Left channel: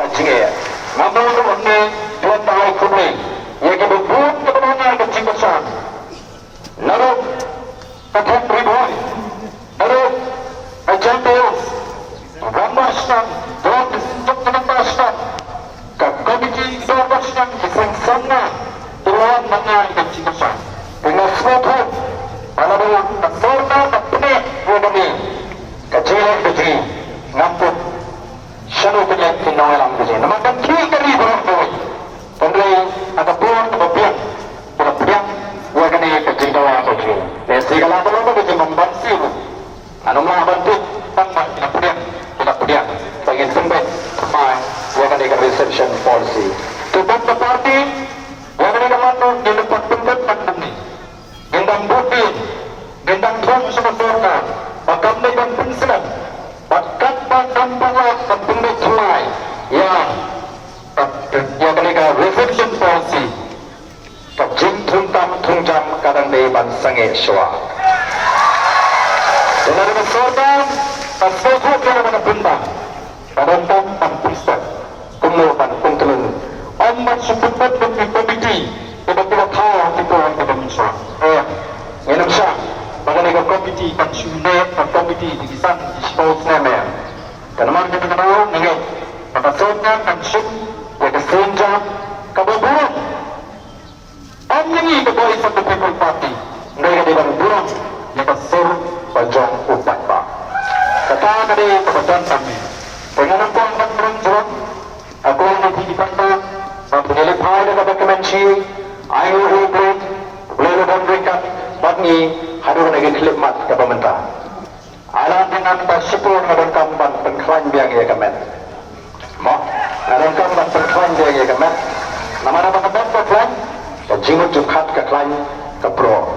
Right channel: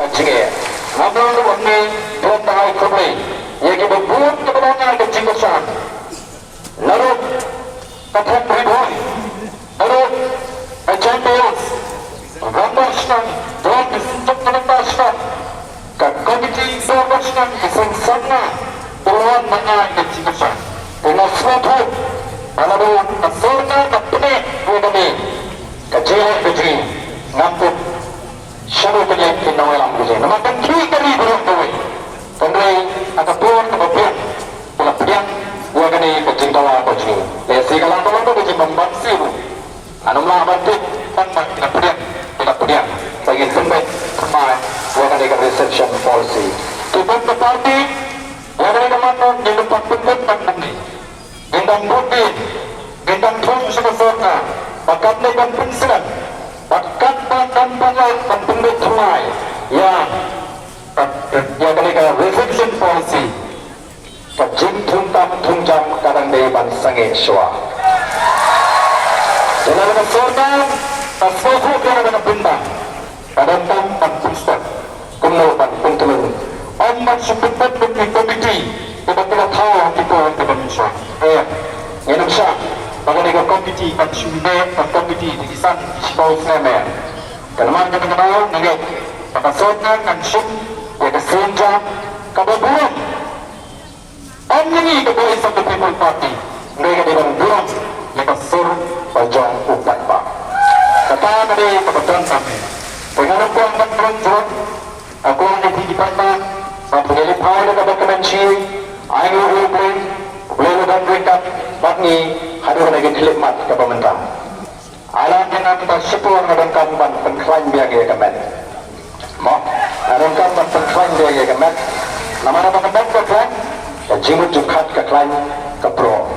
kacige namun ini tuan tahai kubri yang berbuat kebenaran kecil besar lalu patung ribuan lalu champions Rambastan dan disinjak penentastan komiti Rambastan kisah sana tuan mengenai kecil besar dengan suatu lalu kesorna kepenek kami kecil ngampuk shadow penyek kinong alam ko dyan. Naman kami kami buruk ko eh. Kami ada buwan kemudian pula piang buat kami kecil tawa ko dyan. Lesi kalau kalau ko dyan membansi mo. Anong mga bantu tanpa pula piang pengen pembet pemain buat kami ke reception policy. Tutup ke party buat kami kemanun di depan pembet pandemi. Gendang butin, gendang tuan sebesorka, bakal dengan pensiun. Bakat pandang-pandang pembeli semai yang mereka reflection policy kejim tunjam kadang deban sange syua dengan bersorban asfofu kena bintang kadang tampan pusat kuno pan puntelun omat seputat bagi komiti tiba-tiba tahu kita orang Indonesia Indonesia bagaimana komiti konsumen dan komiti di sana di Sibau Senemer. Kalau mana kita tahu, nengai pada soalnya konsum, kita senjam, kebetulan. Ini kepada satu people party, mereka di dalam bulan, mereka sur pajang upat pak. Kata tadi kebetulan kami, dengan aku akan berjuang, aku akan di pantai, sampai lepai dengan kemenci, air hukum, boleh dan mereka, bagi hadir lagi khidmat ke pemerintah. Alam dengan kita sepuluh dan kampan pengklaim biang ia kemet. Mak, dan kampan pengklaim biang ia kemet. Nama-nama kemet pengklaim, dan jimut jukat keklaim ke pro.